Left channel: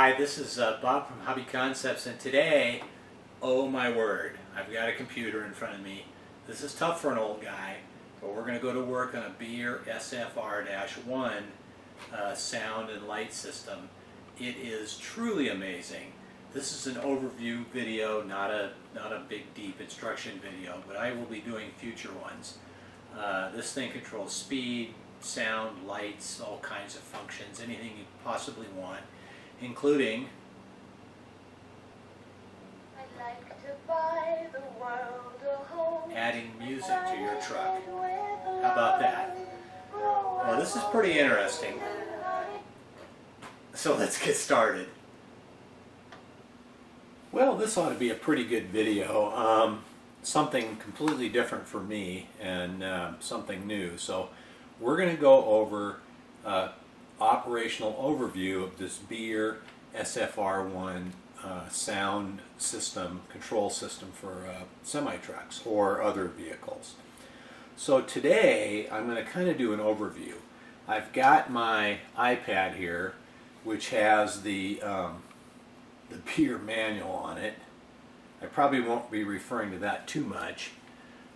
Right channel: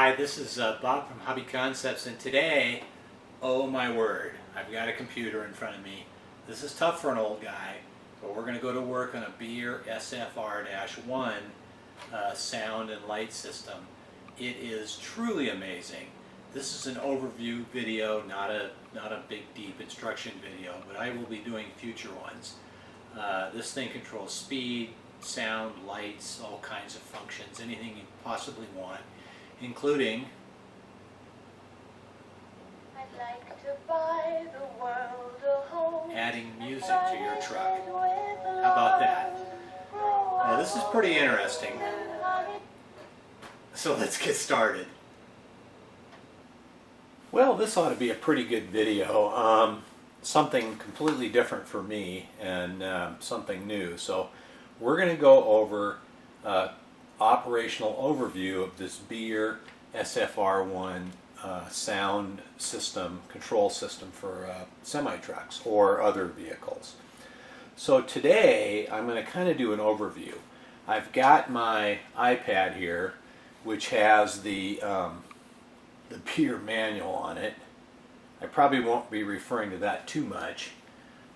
Hi, this is Bob from Hobby Concepts, and today, oh my word, I've got a computer in front of me. This is tough for an old guy, but we're going to go to work on a Beier SFR-1 sound and light system. It is truly amazing. This is an overview video, not a big deep instruction video, but I will be doing future ones. This thing controls speed, sound, lights, all kinds of functions, anything you possibly want, including I'd like to buy the world a home, adding music to your truck. How about that? Well, this is pretty interesting. So let's get started. Well, this ought to be a pretty good video. Something completely different for me and something new. So we're going to go over operational overview of this Beier SFR-1 sound system, control system for semi-trucks or other vehicles. So today I'm going to kind of do an overview. I've got my iPad here, which has the Beier manual on it. I probably won't be referring to that too much.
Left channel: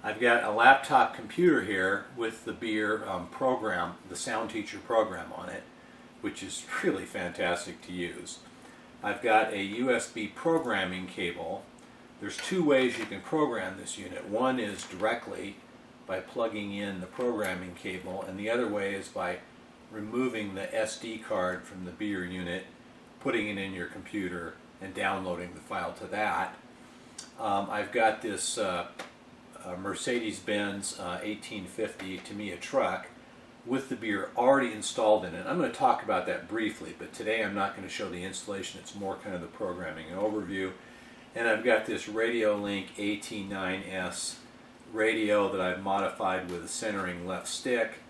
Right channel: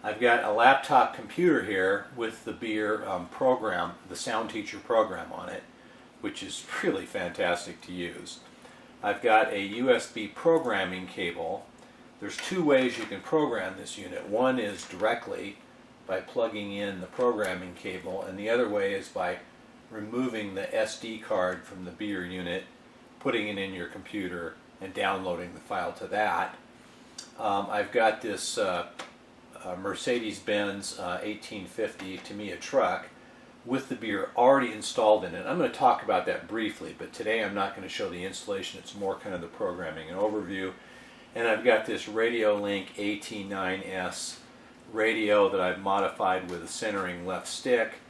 I've got a laptop computer here with the Beier program, the Sound Teacher program on it, which is really fantastic to use. I've got a USB programming cable. There's two ways you can program this unit. One is directly by plugging in the programming cable, and the other way is by removing the SD card from the Beier unit, putting it in your computer, and downloading the file to that. I've got this Mercedes-Benz 1850 Tamiya truck with the Beier already installed in it. I'm going to talk about that briefly, but today I'm not going to show the installation. It's more kind of the programming and overview. And I've got this RadioLink AT9S radio that I've modified with a centering left stick,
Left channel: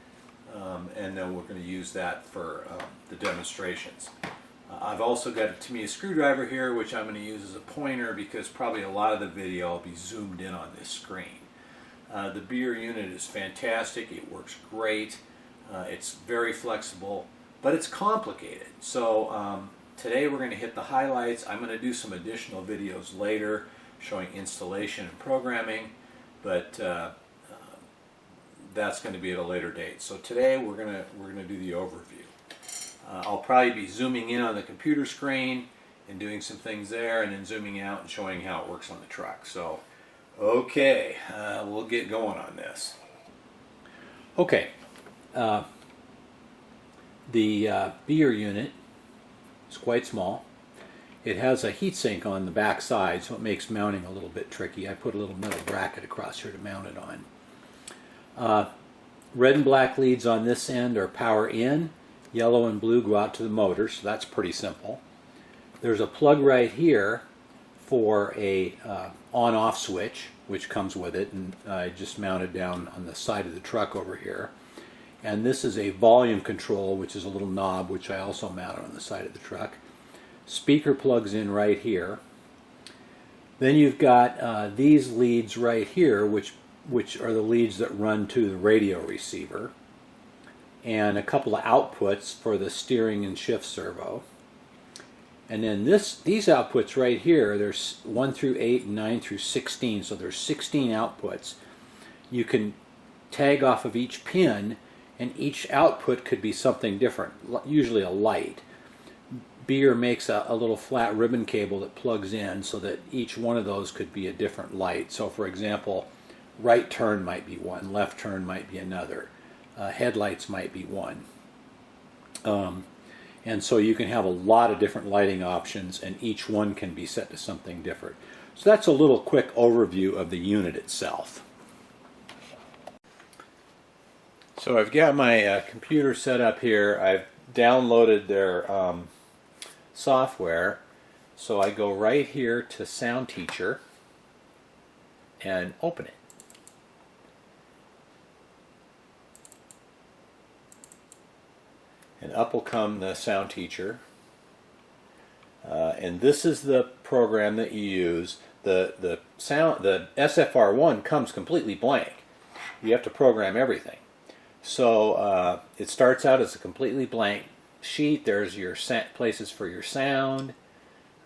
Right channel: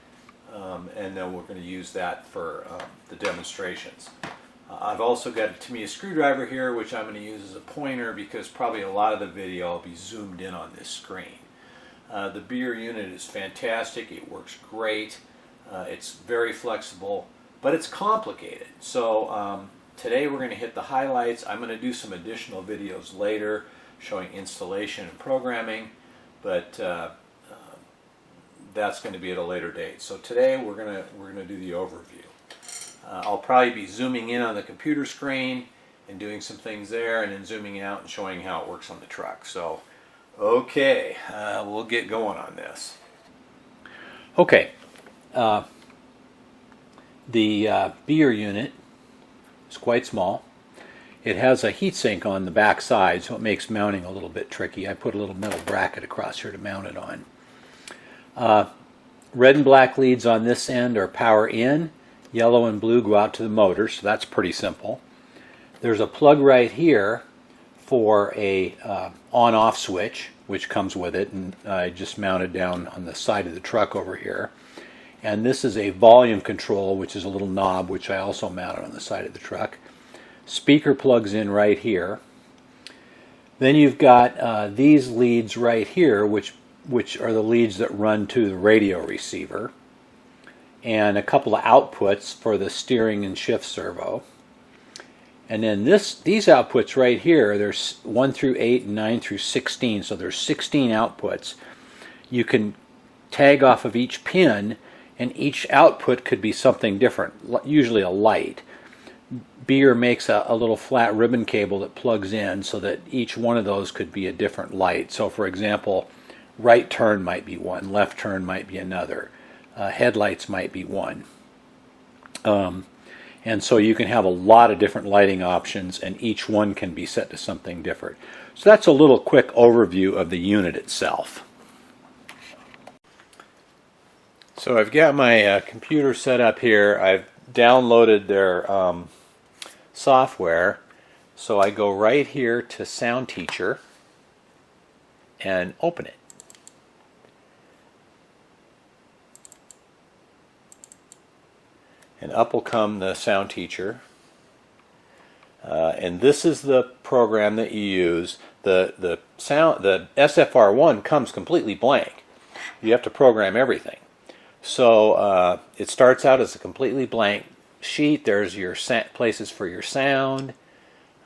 and then we're going to use that for the demonstrations. I've also got a Tamiya screwdriver here, which I'm going to use as a pointer because probably a lot of the video will be zoomed in on this screen. The Beier unit is fantastic. It works great. It's very flexible, but it's complicated. So today we're going to hit the highlights. I'm going to do some additional videos later showing installation and programming, but that's going to be at a later date. So today we're going to do the overview. I'll probably be zooming in on the computer screen and doing some things there, and then zooming out and showing how it works on the truck. So, okay, we'll get going on this. Okay, the Beier unit is quite small. It has a heatsink on the back side, so it makes mounting a little bit tricky. I put a little metal bracket across here to mount it on. Red and black leads on this end are power in. Yellow and blue go out to the motor, so that's pretty simple. There's a plug right here for a on-off switch, which comes with it, and I just mounted down on the side of the truck over here. And this is a volume control, which is a little knob, which I also mounted on the side of the truck. Speaker plugs in right here. Then you've got these leads right here, which are the leads that run to the radio receiver, and a couple of outputs for the steering and shift servo. And then these outputs right here, there's 1 through 8 and 9 through 16, so there's 16 outputs. You can tag off of each pin, and each output could be something different, usually a light. Beier makes a little flat ribbon cable that plugs in so that each one of those could be a different light. So for example, right turn might be one, left turn might be another. Headlights might be one. And so you can have a lot of different lighting options, and each one can be set to something different. So that's a little quick overview of the unit itself. So I've got my computer set up here. I've downloaded their software. So I go right here to Sound Teacher and open it. And up will come the Sound Teacher. And this is the program that you use. The SFR-1 comes completely blank. You have to program everything. So it starts out as a completely blank sheet, there's your places for your sound,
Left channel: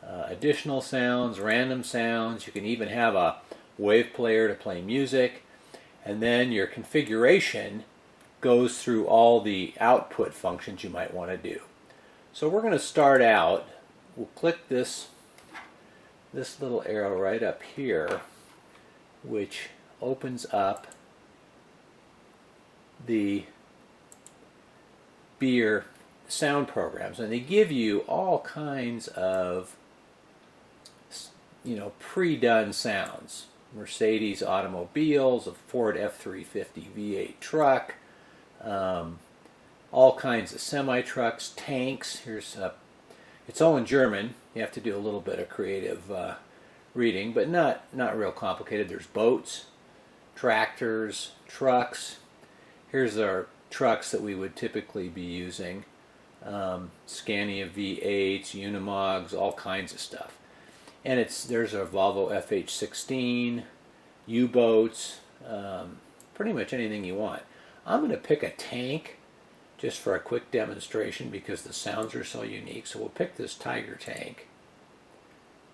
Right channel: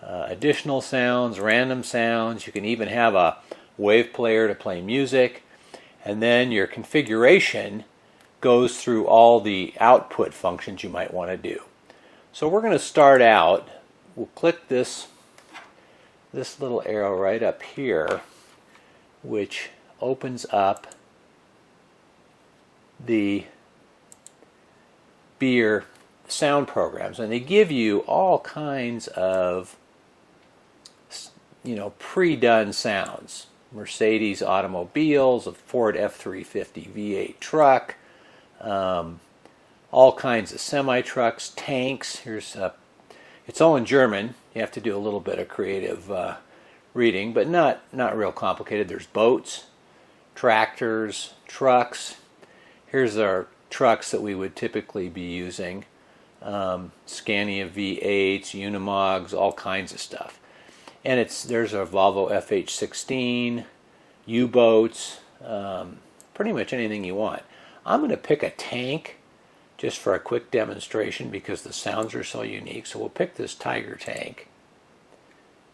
additional sounds, random sounds. You can even have a wave player to play music. And then your configuration goes through all the output functions you might want to do. So we're going to start out. We'll click this little arrow right up here, which opens up the Beier sound programs, and they give you all kinds of pre-done sounds. Mercedes automobiles, a Ford F-350 V8 truck, all kinds of semi-trucks, tanks. It's all in German. You have to do a little bit of creative reading, but not real complicated. There's boats, tractors, trucks. Here's our trucks that we would typically be using. Scania V8s, Unimogs, all kinds of stuff. And there's a Volvo FH16, U-boats, pretty much anything you want. I'm going to pick a tank just for a quick demonstration because the sounds are so unique. So we'll pick this Tiger tank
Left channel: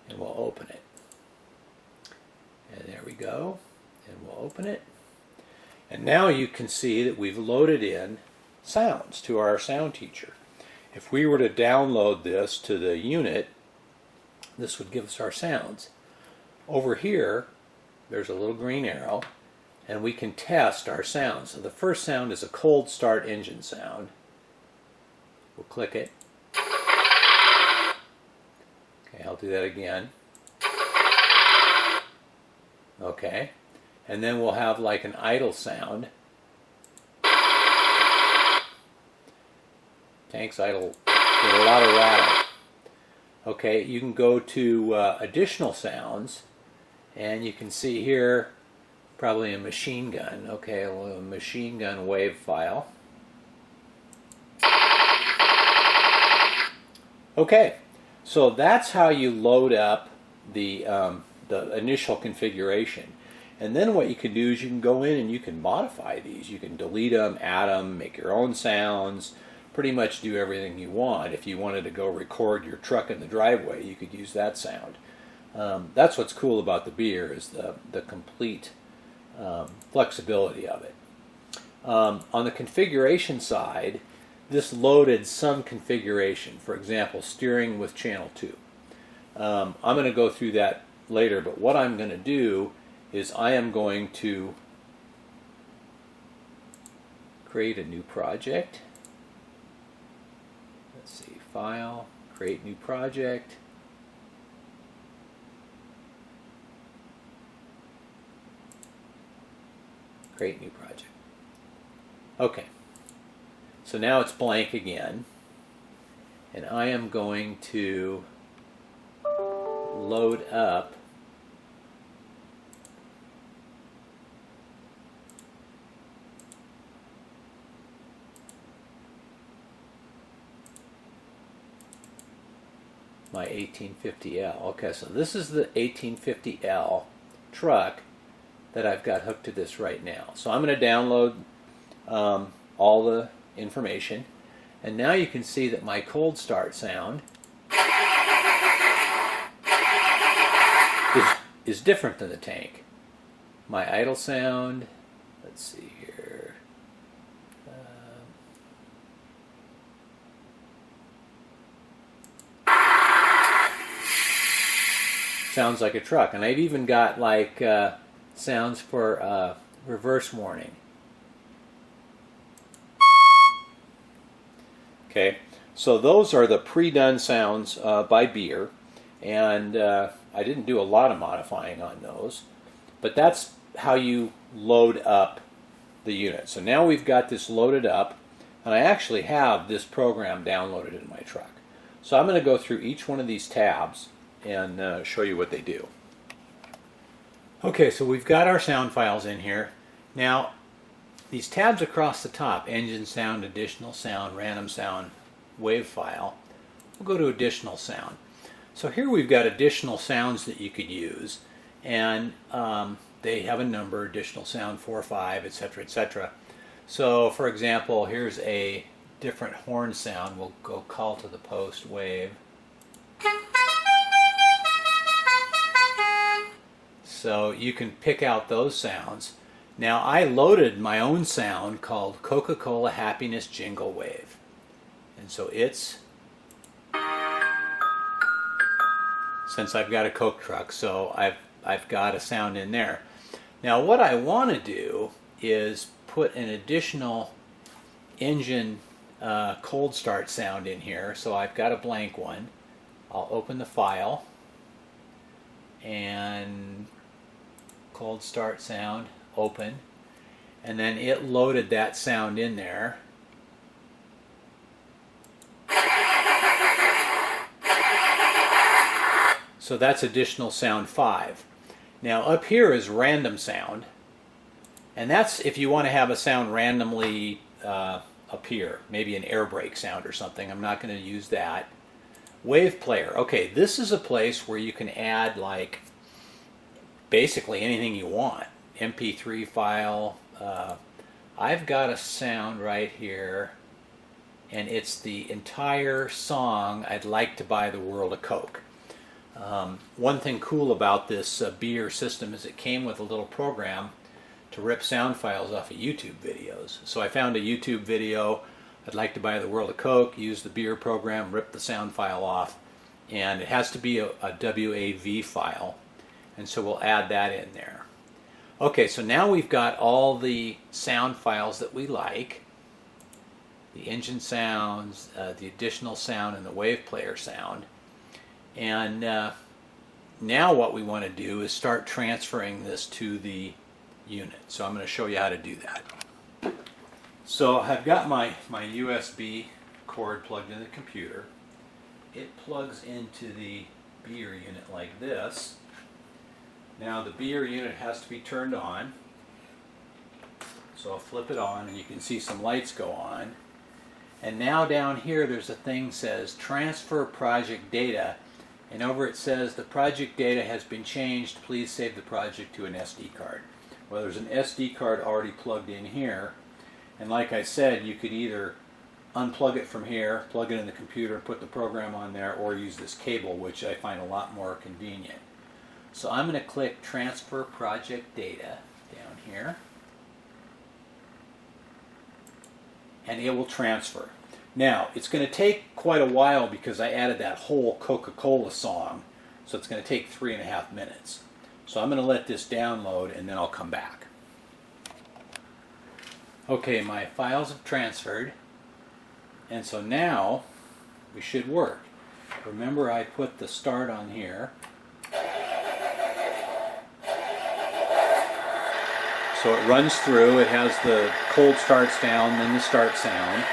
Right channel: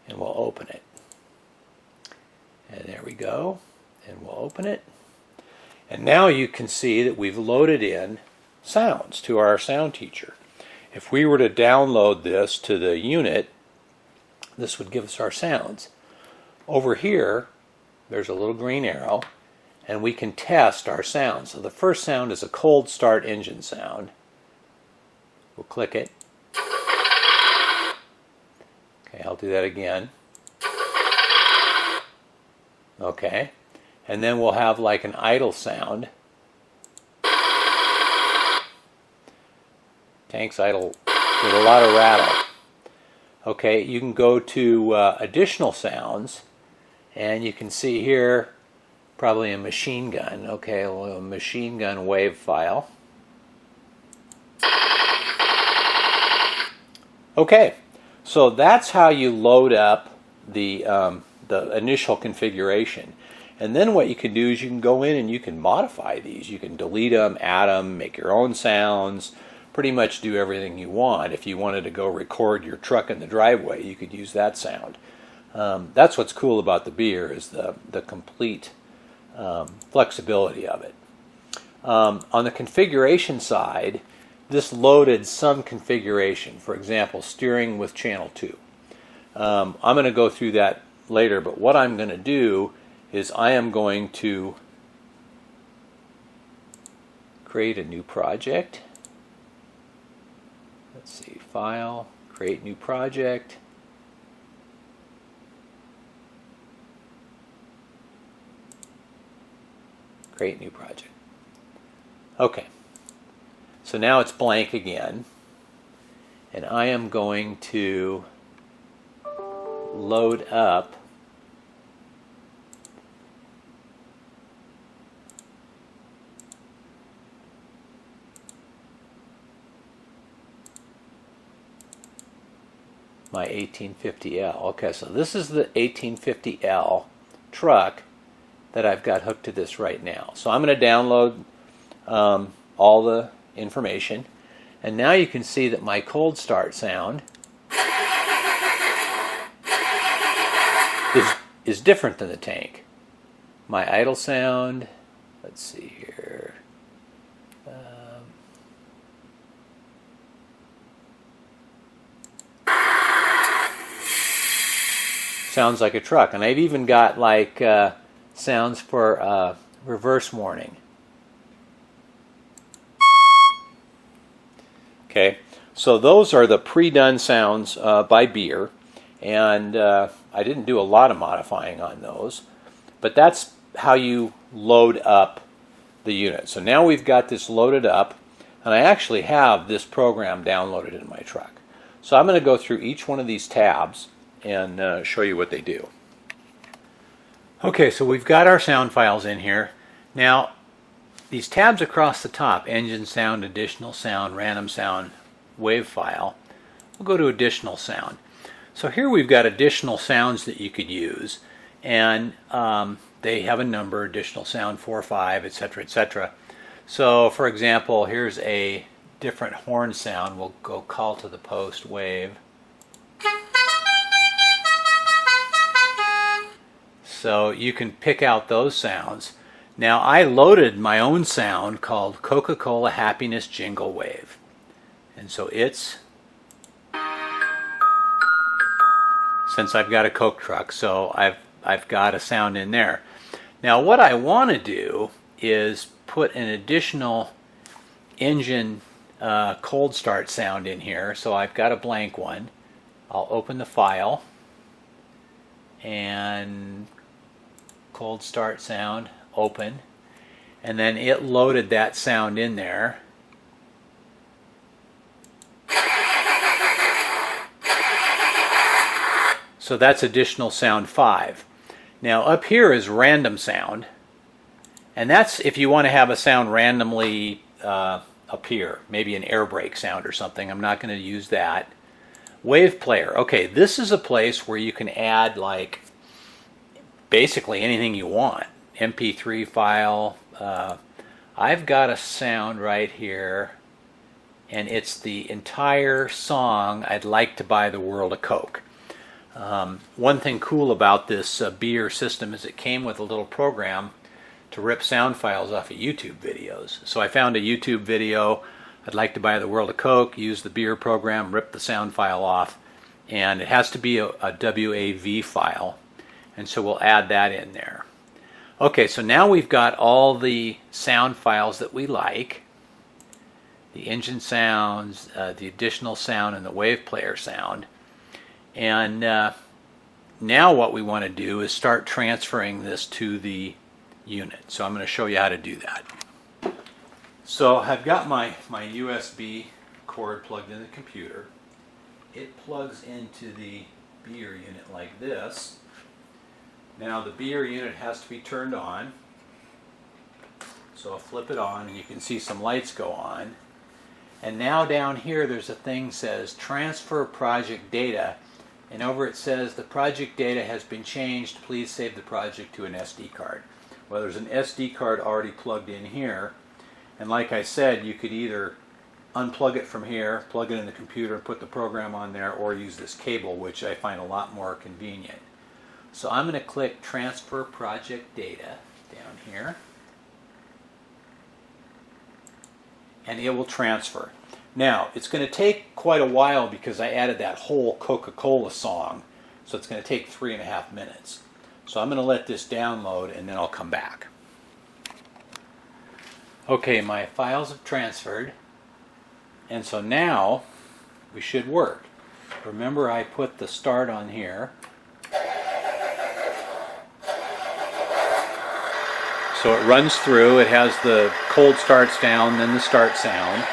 and we'll open it. And there we go. And we'll open it. And now you can see that we've loaded in sounds to our sound teacher. If we were to download this to the unit, this would give us our sounds. Over here, there's a little green arrow, and we can test our sounds. So the first sound is a cold start engine sound. We'll click it. Okay, I'll do that again. Okay, and then we'll have like an idle sound. Tank's idle with a lot of rattle. Okay, you can go to additional sounds, and you can see here probably a machine gun. Okay, a little machine gun wave file. Okay, so that's how you load up the initial configuration. And then what you can do is you can go in and you can modify these. You can delete them, add them, make your own sounds, pretty much do everything you want. If you wanted to go record your truck in the driveway, you could use that sound. That's what's cool about the Beier, is the complete flexibility of it. On the configuration side, this loaded some configuration. For example, steering with channel 2. I'm going to go through that later, but what I'm going to do is I am going to create a new project. Let's see, File, Create New Project. Create New Project. Okay, so now it's blank again, and I am going to load up my 1850L. Okay, so this is the 1850L truck that I've got hooked to this right now. So I'm going to download all the information, and now you can see that my cold start sound is different than the tank. My idle sound, let's see here. Sounds like a truck, and I've even got like sounds for reverse warning. Okay, so those are the pre-done sounds by Beier, and I didn't do a lot of modifying on those, but that's how you load up the unit. So now we've got this loaded up, and I actually have this program downloaded in my truck. So I'm going to go through each one of these tabs and show you what they do. Okay, so we've got our sound files in here. Now, these tabs across the top, engine sound, additional sound, random sound, wave file, we'll go to additional sound. So here we've got additional sounds that you could use, and they have a number, additional sound 4, 5, etc., etc. So for example, here's a different horn sound. We'll go call to the post wave. So you can pick out those sounds. Now I loaded my own sound called Coca-Cola Happiness Jingle Wave. And so it's, since I've got a Coke truck, so I've got a sound in there. Now what I want to do is put an additional engine cold start sound in here. So I've got a blank one. I'll open the file and cold start sound, open, and then it loaded that sound in there. So that's additional sound 5. Now up here is random sound, and that's if you want to have a sound randomly appear, maybe an air brake sound or something. I'm not going to use that. Wave player. Okay, this is a place where you can add like basically anything you want. MP3 file. I've got a sound right here, and it's the entire song, I'd Like to Buy the World a Coke. One thing cool about this Beier system is it came with a little program to rip sound files off of YouTube videos. So I found a YouTube video, I'd like to buy the world a Coke, use the Beier program, rip the sound file off, and it has to be a WAV file, and so we'll add that in there. Okay, so now we've got all the sound files that we like, the engine sounds, the additional sound, and the wave player sound. And now what we want to do is start transferring this to the unit. So I'm going to show you how to do that. So I've got my USB cord plugged in the computer. It plugs into the Beier unit like this. Now the Beier unit has to be turned on. So I'll flip it on and you can see some lights go on. And now down here there's a thing that says transfer project data. And over it says the project data has been changed. Please save the project to an SD card. Well, there's an SD card already plugged in here. And like I said, you could either unplug it from here, plug it in the computer, put the program on there, or use this cable, which I find a lot more convenient. So I'm going to click Transfer Project Data down here. And it will transfer. Now, it's going to take quite a while because I added that whole Coca-Cola song, so it's going to take 3.5 minutes. So I'm going to let this download and then I'll come back. Okay, my files have transferred, and so now we should work. Remember, I put the start on here. So it runs through, it has the cold start sound, then the start sound.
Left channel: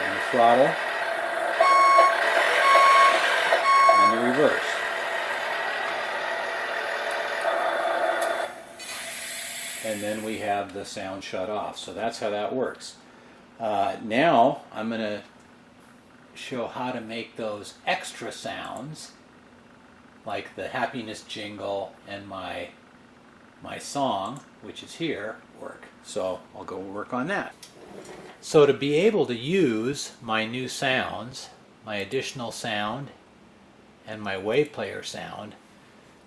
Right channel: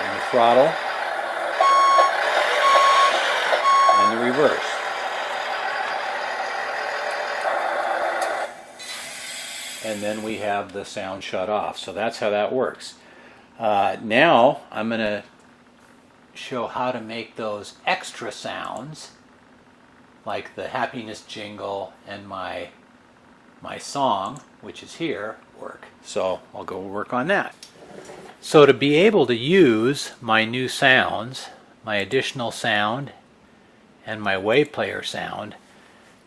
And the throttle. And the reverse. And then we have the sound shut off. So that's how that works. Now I'm going to show how to make those extra sounds, like the happiness jingle and my song, which is here, work. So I'll go work on that. So to be able to use my new sounds, my additional sound, and my wave player sound,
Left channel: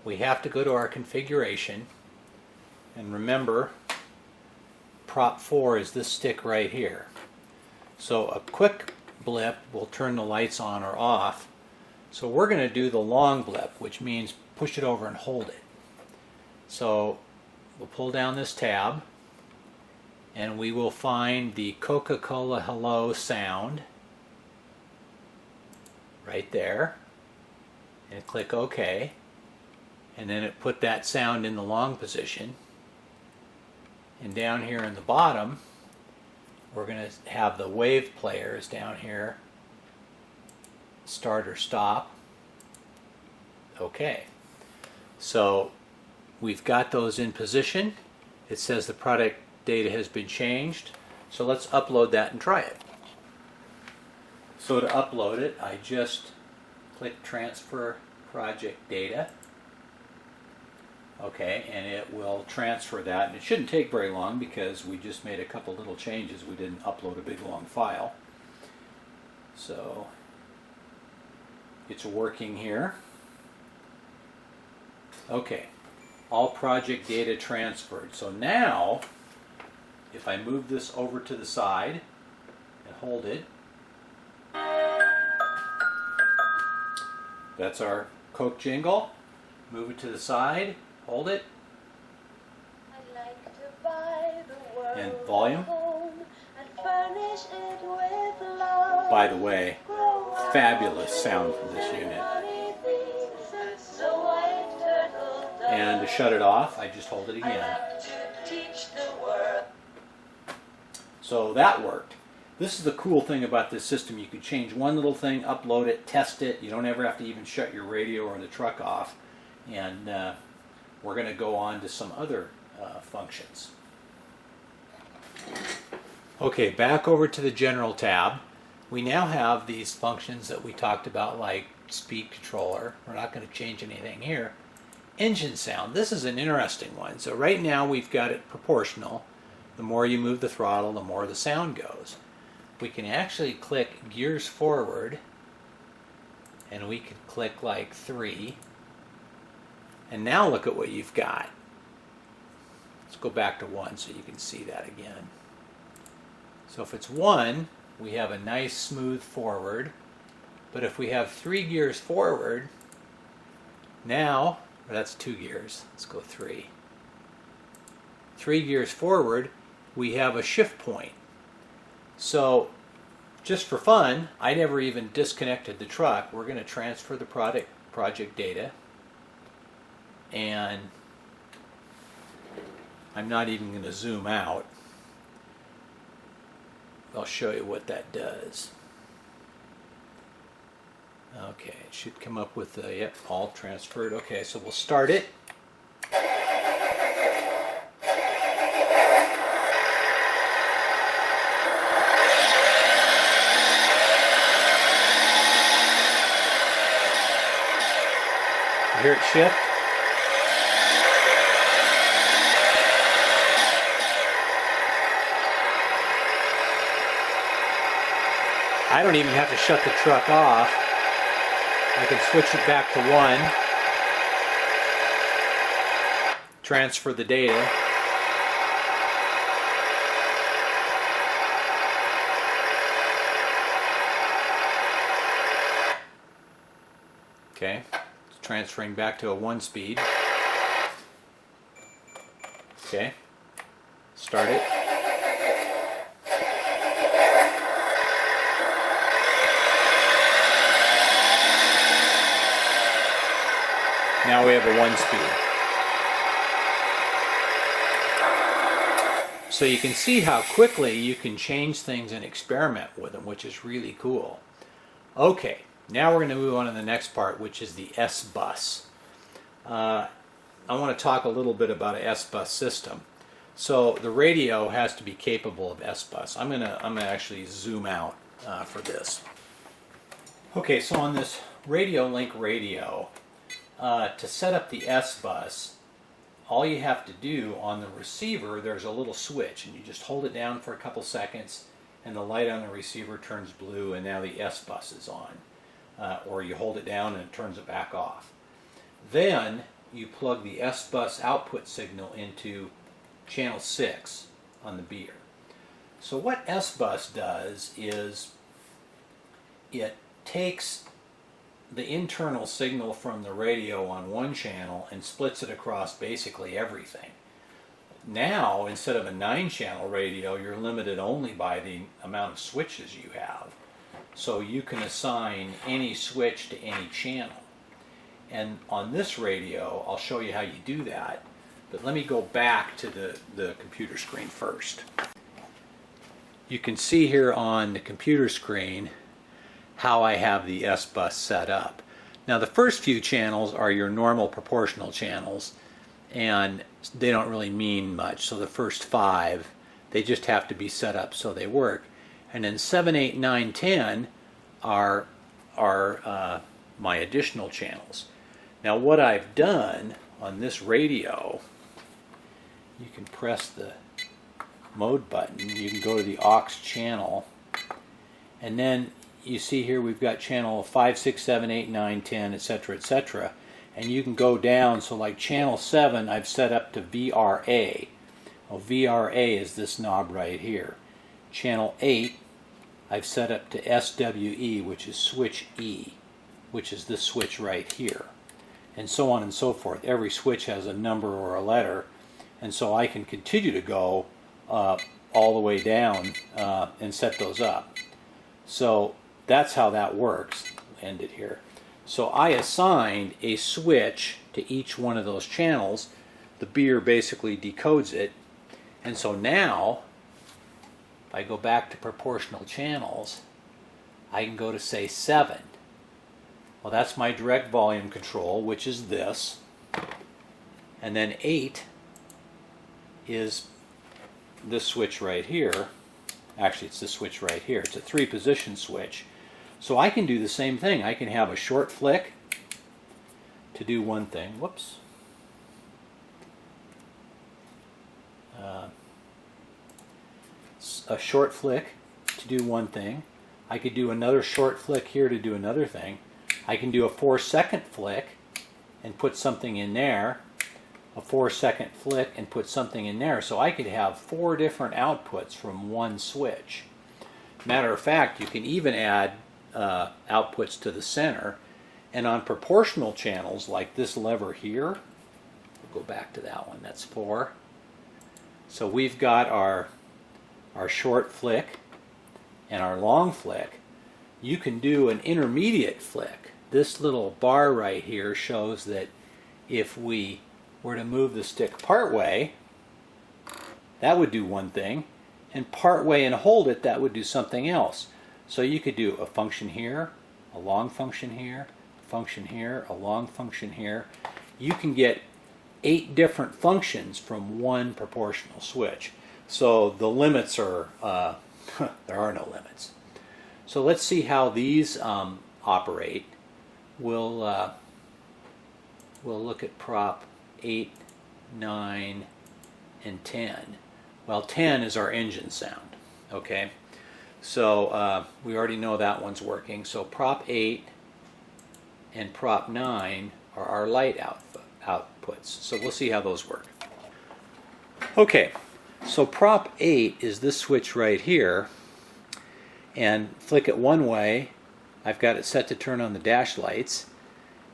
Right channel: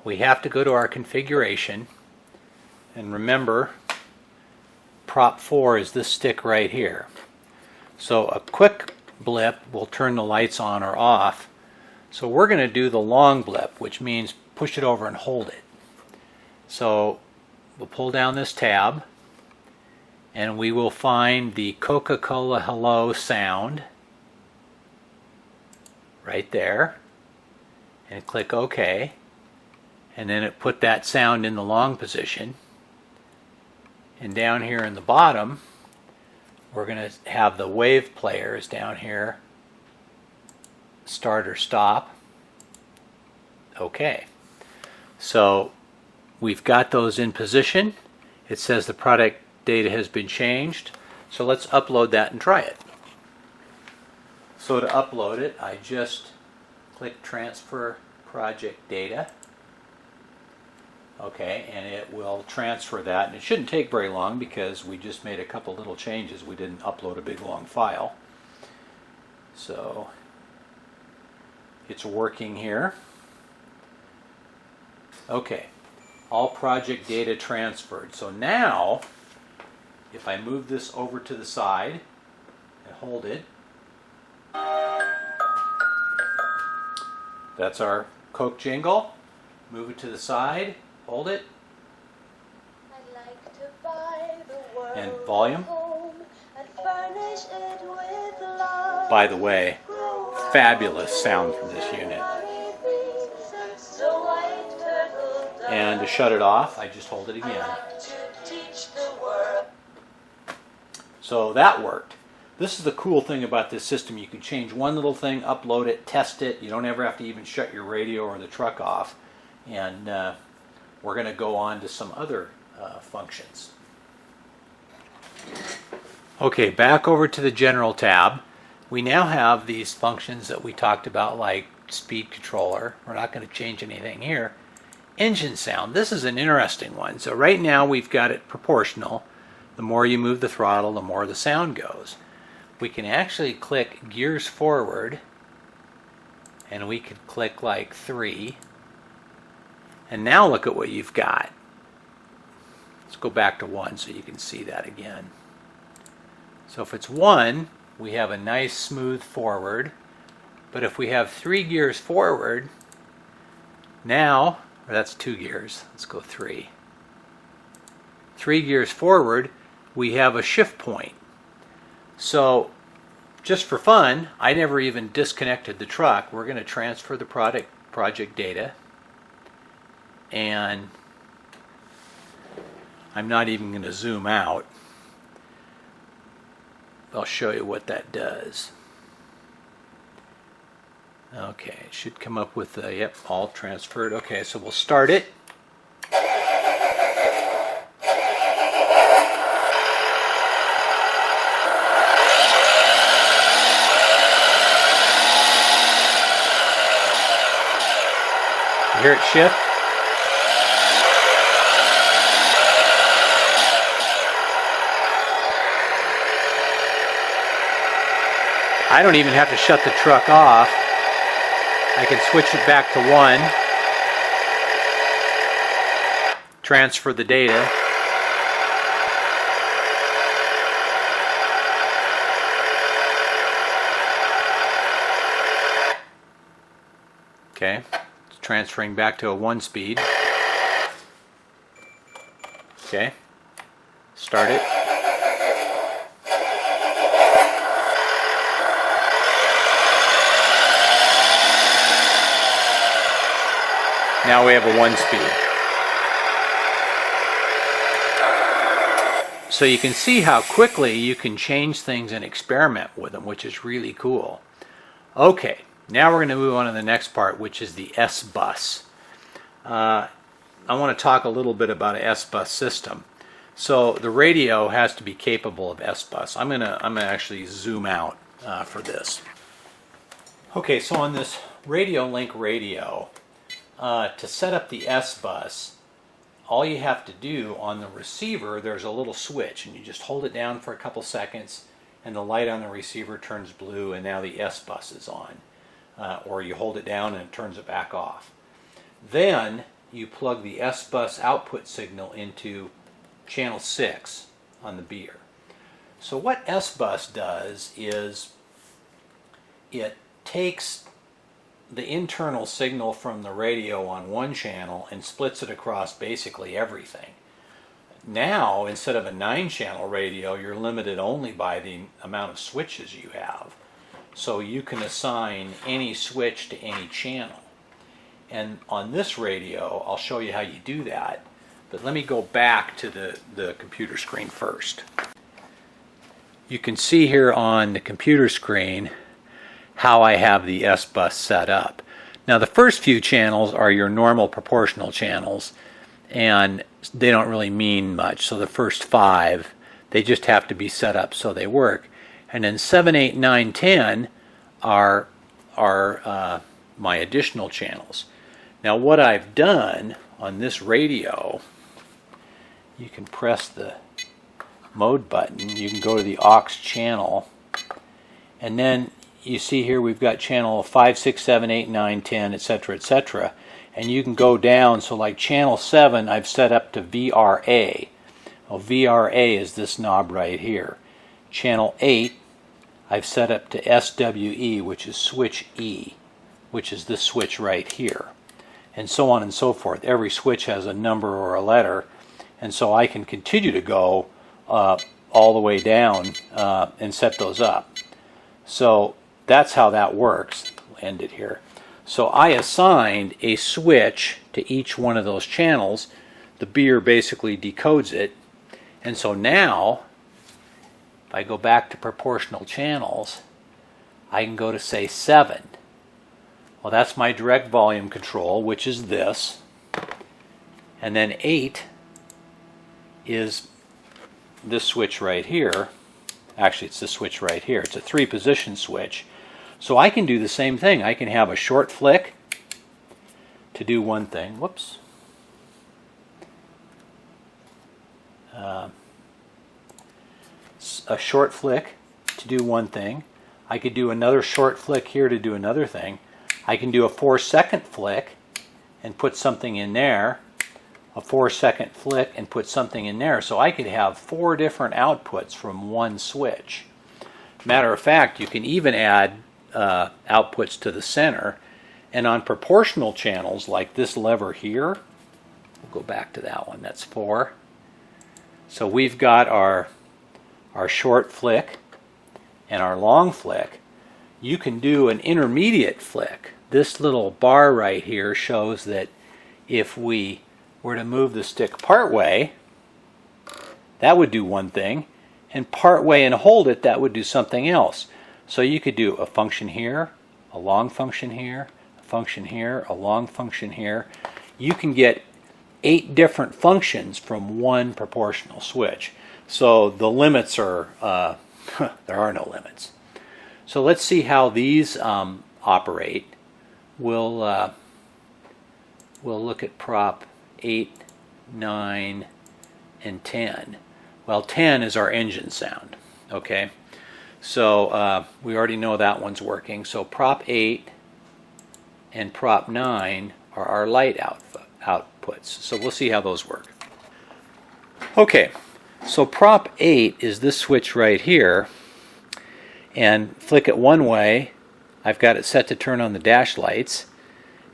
we have to go to our configuration. And remember, prop 4 is this stick right here. So a quick blip will turn the lights on or off. So we're going to do the long blip, which means push it over and hold it. So we'll pull down this tab and we will find the Coca-Cola Hello sound right there and click OK, and then it put that sound in the long position. And down here in the bottom we're going to have the wave players down here, start or stop. Okay, so we've got those in position. It says the product data has been changed, so let's upload that and try it. So to upload it, I just click Transfer Project Data, Okay, and it will transfer that, and it shouldn't take very long because we just made a couple little changes. We didn't upload a big long file. So it's working here. Okay, all project data transferred. So now, if I move this over to the side and hold it, that's our Coke jingle. Move it to the side, hold it, I'd like to buy the world and volume. home and furnish it with love. By the way, fabulous sound from this unit. And to shut it off, I just hold it again. So that worked. This is the cool thing about this system. You can change one little thing, upload it, test it. You don't ever have to even shut your radio or the truck off. And we're going to go on to some other functions. Okay, back over to the General tab. We now have these functions that we talked about, like speed controller. We're not going to change anything here. Engine sound. This is an interesting one. So right now we've got it proportional. The more you move the throttle, the more the sound goes. We can actually click gears forward, and we could click like 3. And now look at what you've got. Let's go back to 1 so you can see that again. So if it's 1, we have a nice smooth forward. But if we have 3 gears forward, now, or that's 2 gears, let's go 3. 3 gears forward, we have a shift point. So just for fun, I never even disconnected the truck. We're going to transfer the project data. And I'm not even going to zoom out. I'll show you what that does. Okay, it should come up with the, yep, all transferred. Okay, so we'll start it. You hear it shift? I don't even have to shut the truck off. I can switch it back to 1, transfer the data. Okay, it's transferring back to a 1 speed. Okay, start it. Now we have a 1 speed. So you can see how quickly you can change things and experiment with them, which is really cool. Okay, now we're going to move on to the next part, which is the S-Bus. I want to talk a little bit about an S-Bus system. So the radio has to be capable of S-Bus. I'm gonna actually zoom out for this. Okay, so on this Radio Link radio, to set up the S-Bus, all you have to do on the receiver, there's a little switch, and you just hold it down for a couple seconds, and the light on the receiver turns blue, and now the S-Bus is on. Or you hold it down and it turns it back off. Then you plug the S-Bus output signal into channel 6 on the Beier. So what S-Bus does is it takes the internal signal from the radio on one channel and splits it across basically everything. Now, instead of a 9-channel radio, you're limited only by the amount of switches you have. So you can assign any switch to any channel. And on this radio, I'll show you how you do that. But let me go back to the computer screen first. You can see here on the computer screen how I have the S-Bus set up. Now the first few channels are your normal proportional channels, and they don't really mean much. So the first 5, they just have to be set up so they work. And then 7, 8, 9, 10 are my additional channels. Now what I've done on this radio, you can press the mode button. You can go to the aux channel, and then you see here we've got channel 5, 6, 7, 8, 9, 10, etc., etc. And you can go down, so like channel 7 I've set up to VRA. Well, VRA is this knob right here. Channel 8 I've set up to SWE, which is switch E, which is this switch right here. And so on and so forth. Every switch has a number or a letter, and so I can continue to go all the way down and set those up. So that's how that works. We'll end it here. So I assigned a switch to each one of those channels. The Beier basically decodes it. And so now, if I go back to proportional channels, I can go to, say, 7. Well, that's my direct volume control, which is this. And then 8 is this switch right here. Actually, it's this switch right here. It's a 3-position switch. So I can do the same thing. I can have a short flick to do one thing. Whoops. A short flick to do one thing. I could do another short flick here to do another thing. I can do a 4-second flick and put something in there. A 4-second flick and put something in there. So I could have 4 different outputs from one switch. Matter of fact, you can even add outputs to the center. And on proportional channels like this lever here, we'll go back to that one, that's 4. So we've got our short flick and our long flick. You can do an intermediate flick. This little bar right here shows that if we were to move the stick part way, that would do one thing, and part way and hold it, that would do something else. So you could do a function here, a long function here, a function here, a long function here. You can get 8 different functions from one proportional switch. So the limits are, there are no limits. So let's see how these operate. We'll look at prop 8, 9, and 10. Well, 10 is our engine sound, okay? So we already know that one's working. So prop 8 and prop 9 are our light outputs. So we'll see how those work. Okay, so prop 8 is this switch right here, and flick it one way, I've got it set to turn on the dash lights,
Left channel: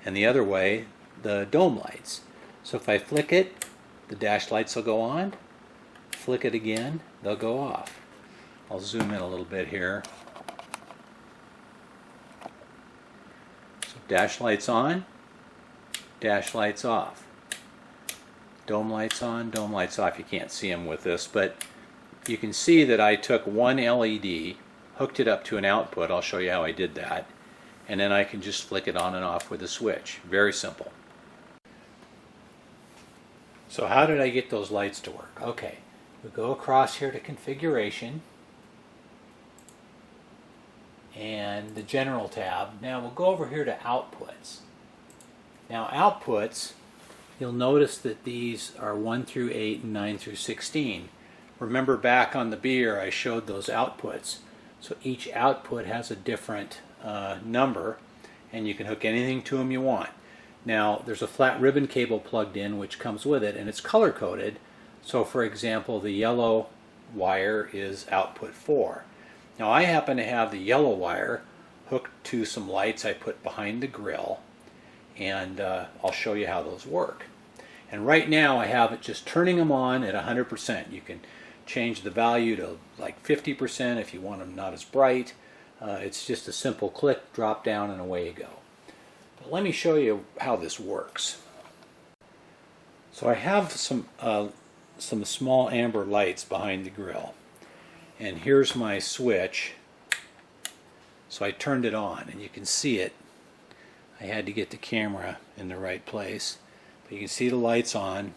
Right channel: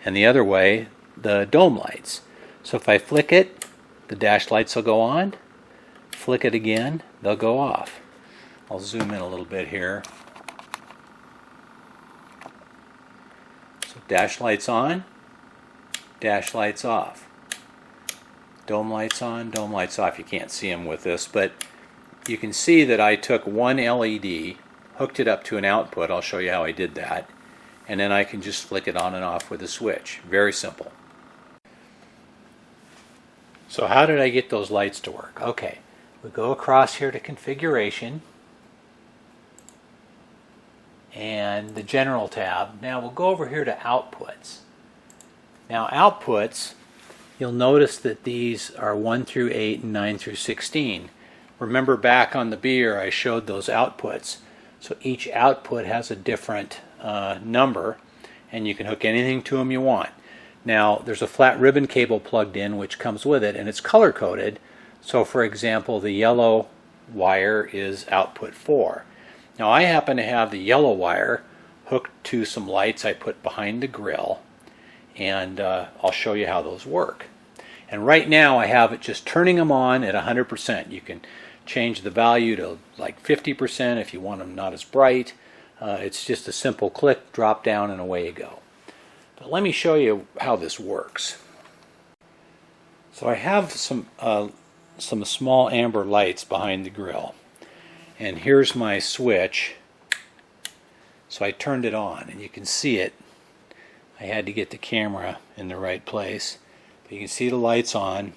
and the other way, the dome lights. So if I flick it, the dash lights will go on. Flick it again, they'll go off. I'll zoom in a little bit here. So dash lights on, dash lights off. Dome lights on, dome lights off. You can't see them with this, but you can see that I took one LED, hooked it up to an output. I'll show you how I did that. And then I can just flick it on and off with a switch. Very simple. So how did I get those lights to work? Okay, we go across here to configuration and the general tab. Now we'll go over here to outputs. Now outputs, you'll notice that these are 1 through 8 and 9 through 16. Remember back on the Beier I showed those outputs. So each output has a different number, and you can hook anything to them you want. Now there's a flat ribbon cable plugged in which comes with it, and it's color coded. So for example, the yellow wire is output 4. Now I happen to have the yellow wire hooked to some lights I put behind the grill, and I'll show you how those work. And right now I have it just turning them on at 100%. You can change the value to like 50% if you want them not as bright. It's just a simple click, drop down, and away you go. But let me show you how this works. So I have some small amber lights behind the grill, and here's my switch. So I turned it on, and you can see it. I had to get the camera in the right place, but you can see the lights on,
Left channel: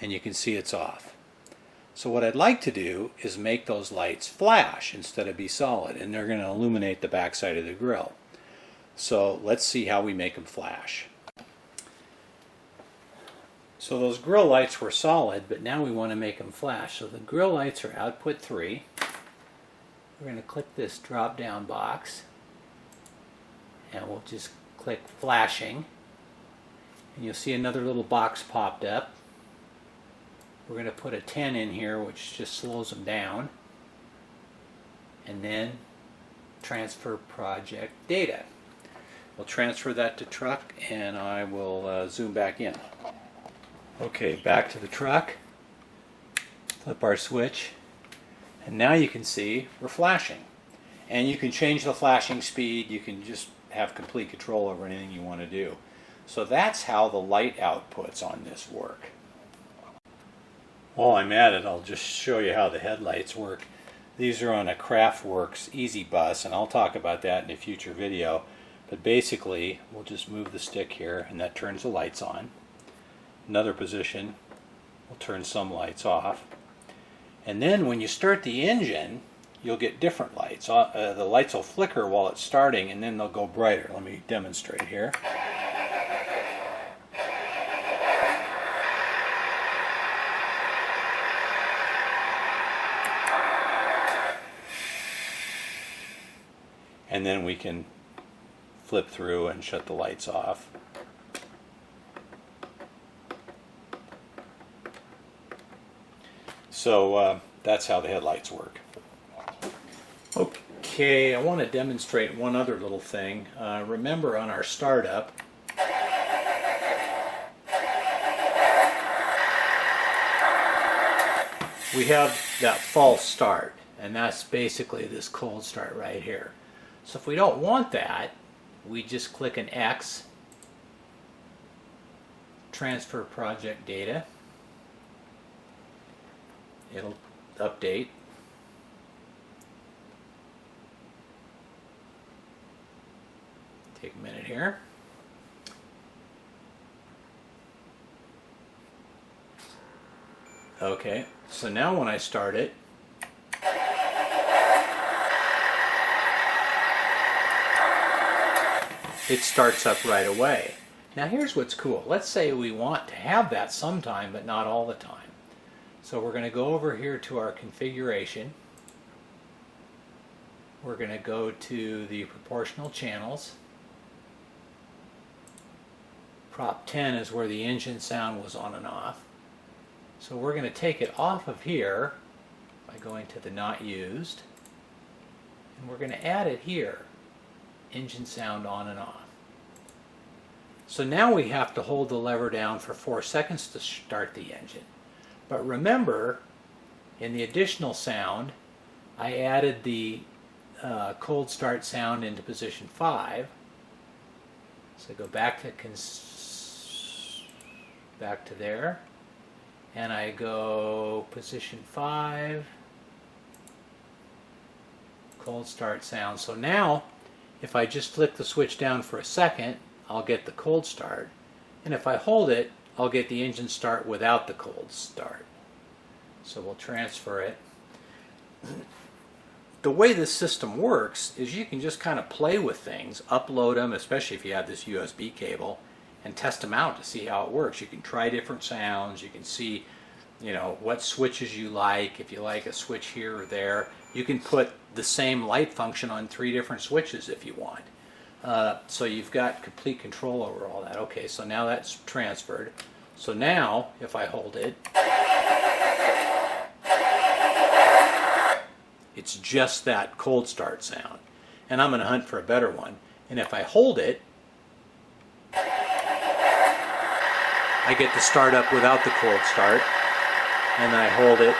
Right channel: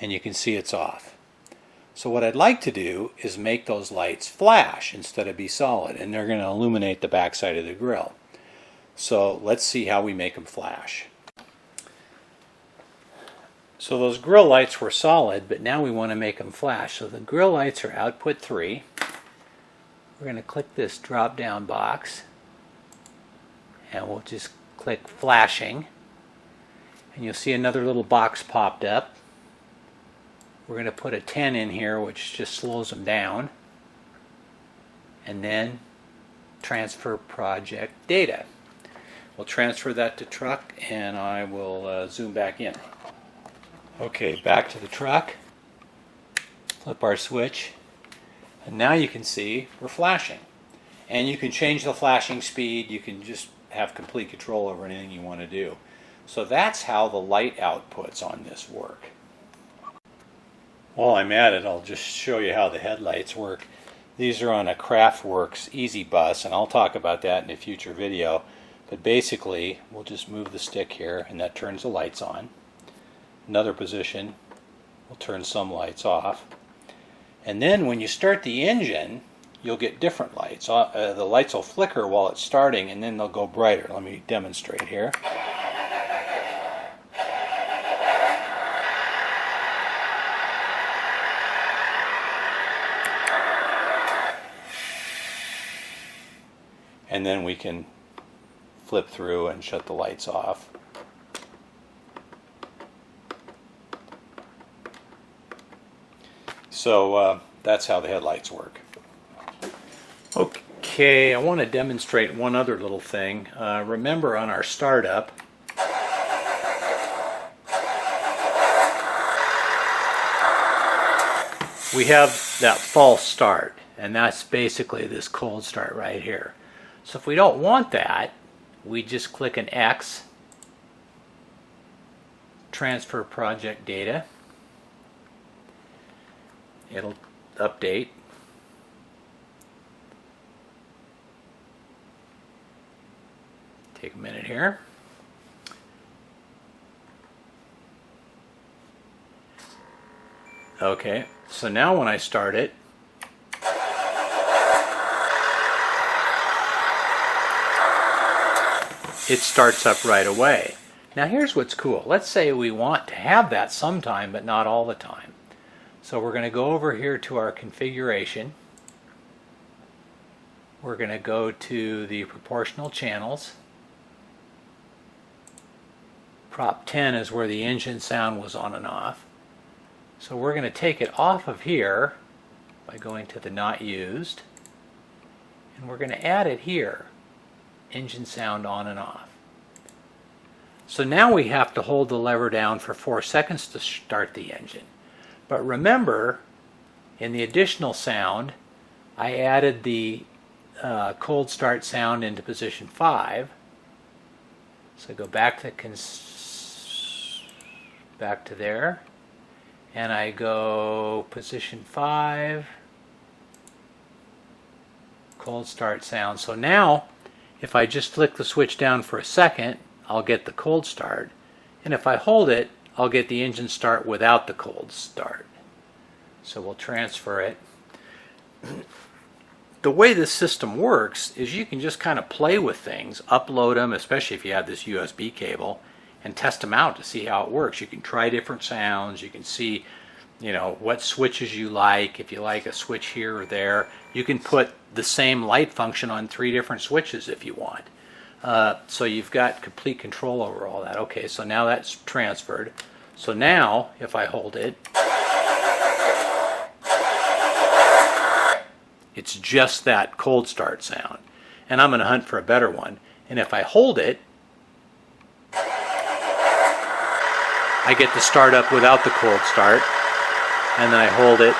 and you can see it's off. So what I'd like to do is make those lights flash instead of be solid, and they're going to illuminate the backside of the grill. So let's see how we make them flash. So those grill lights were solid, but now we want to make them flash. So the grill lights are output 3. We're going to click this drop down box and we'll just click flashing, and you'll see another little box popped up. We're going to put a 10 in here, which just slows them down, and then transfer project data. We'll transfer that to truck, and I will zoom back in. Okay, back to the truck. Flip our switch, and now you can see we're flashing. And you can change the flashing speed. You can just have complete control over anything you want to do. So that's how the light outputs on this work. While I'm at it, I'll just show you how the headlights work. These are on a Craftworks Easy Bus, and I'll talk about that in a future video. But basically, we'll just move the stick here, and that turns the lights on. Another position will turn some lights off. And then when you start the engine, you'll get different lights. The lights will flicker while it's starting, and then they'll go brighter. Let me demonstrate here. And then we can flip through and shut the lights off. So that's how the headlights work. Okay, I want to demonstrate one other little thing. Remember on our startup, we have that false start, and that's basically this cold start right here. So if we don't want that, we just click an X, transfer project data. It'll update. Take a minute here. Okay, so now when I start it, it starts up right away. Now here's what's cool. Let's say we want to have that sometime, but not all the time. So we're going to go over here to our configuration. We're going to go to the proportional channels. Prop 10 is where the engine sound was on and off. So we're going to take it off of here by going to the not used. And we're going to add it here. Engine sound on and off. So now we have to hold the lever down for 4 seconds to start the engine. But remember, in the additional sound, I added the cold start sound into position 5. So go back to there, and I go position 5, cold start sound. So now, if I just flick the switch down for a second, I'll get the cold start, and if I hold it, I'll get the engine start without the cold start. So we'll transfer it. The way this system works is you can just kind of play with things, upload them, especially if you have this USB cable, and test them out to see how it works. You can try different sounds. You can see, what switches you like. If you like a switch here or there, you can put the same light function on 3 different switches if you want. So you've got complete control over all that. Okay, so now that's transferred. So now, if I hold it, it's just that cold start sound. And I'm going to hunt for a better one. And if I hold it, I get to start up without the cold start. And then I hold it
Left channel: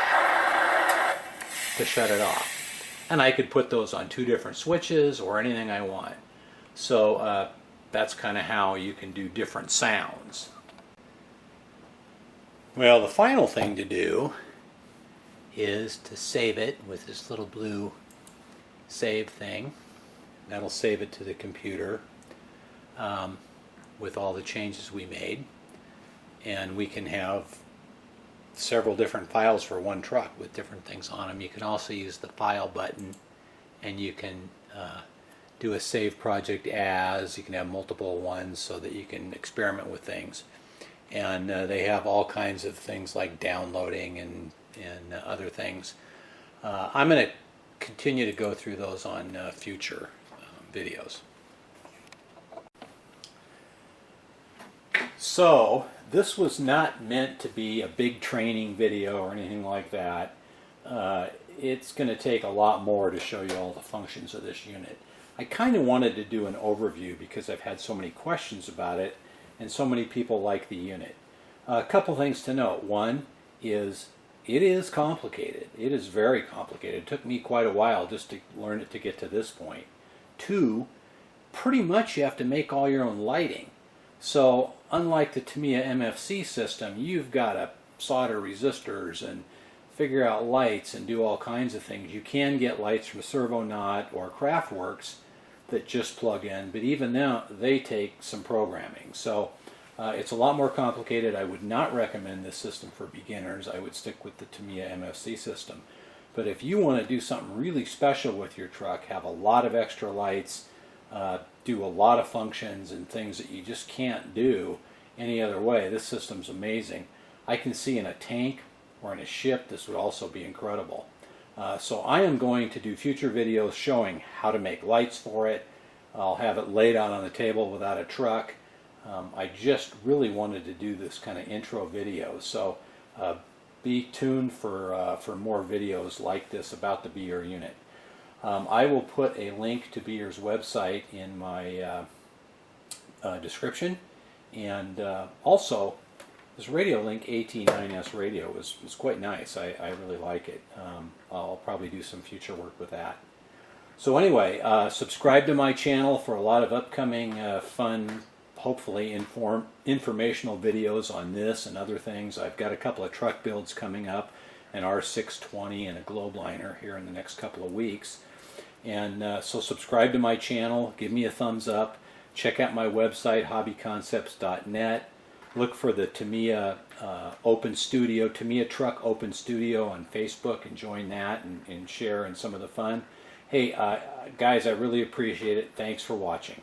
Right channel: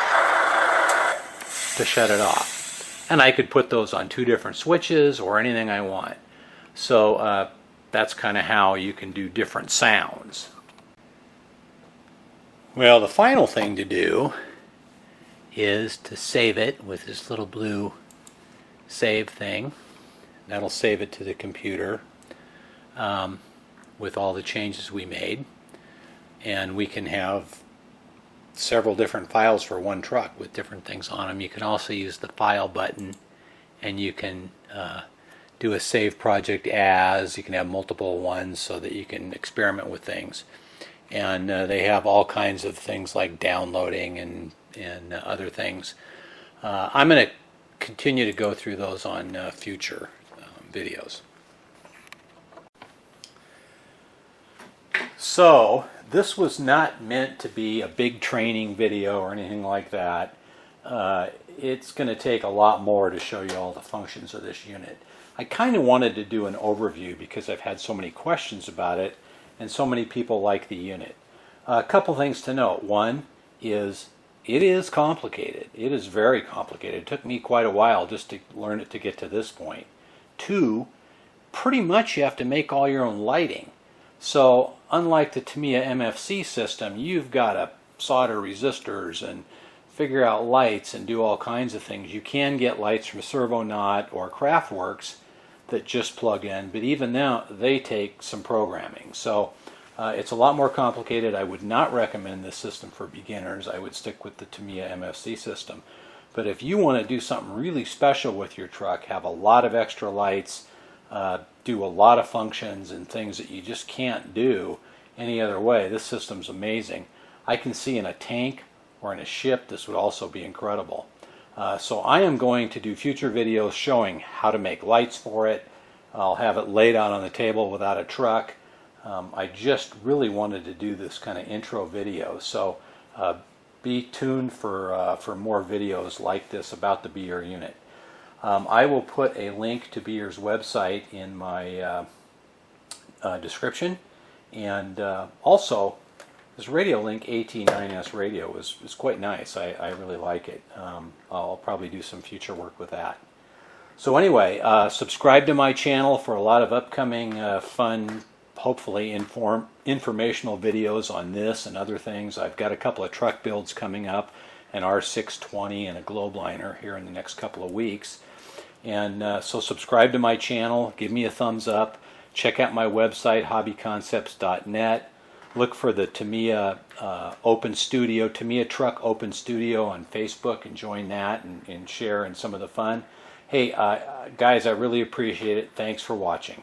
to shut it off. And I could put those on 2 different switches or anything I want. So that's kind of how you can do different sounds. Well, the final thing to do is to save it with this little blue save thing. That'll save it to the computer with all the changes we made. And we can have several different files for one truck with different things on them. You can also use the file button, and you can do a save project as. You can have multiple ones so that you can experiment with things. and they have all kinds of things like downloading and other things. I'm going to continue to go through those on future videos. So this was not meant to be a big training video or anything like that. It's going to take a lot more to show you all the functions of this unit. I kind of wanted to do an overview because I've had so many questions about it and so many people like the unit. A couple things to note. One is it is complicated. It is very complicated. It took me quite a while just to learn it to get to this point. Two, pretty much you have to make all your own lighting. So unlike the Tamiya MFC system, you've got to solder resistors and figure out lights and do all kinds of things. You can get lights from Servonaut or Craftworks that just plug in, but even now they take some programming. So it's a lot more complicated. I would not recommend this system for beginners. I would stick with the Tamiya MFC system. But if you want to do something really special with your truck, have a lot of extra lights, do a lot of functions and things that you just can't do any other way, this system's amazing. I can see in a tank or in a ship this would also be incredible. So I am going to do future videos showing how to make lights for it. I'll have it laid out on the table without a truck. I just really wanted to do this kind of intro video, so be tuned for more videos like this about the Beier unit. I will put a link to Beier's website in my description, and also this radio link AT9S radio is quite nice. I really like it. I'll probably do some future work with that. So anyway, subscribe to my channel for a lot of upcoming fun, hopefully informational videos on this and other things. I've got a couple of truck builds coming up, an R620 and a Globeliner here in the next couple of weeks. And so subscribe to my channel, give me a thumbs up, check out my website, hobbyconcepts.net. Look for the Tamiya Open Studio, Tamiya Truck Open Studio on Facebook, and join that and share in some of the fun. Hey, guys, I really appreciate it. Thanks for watching.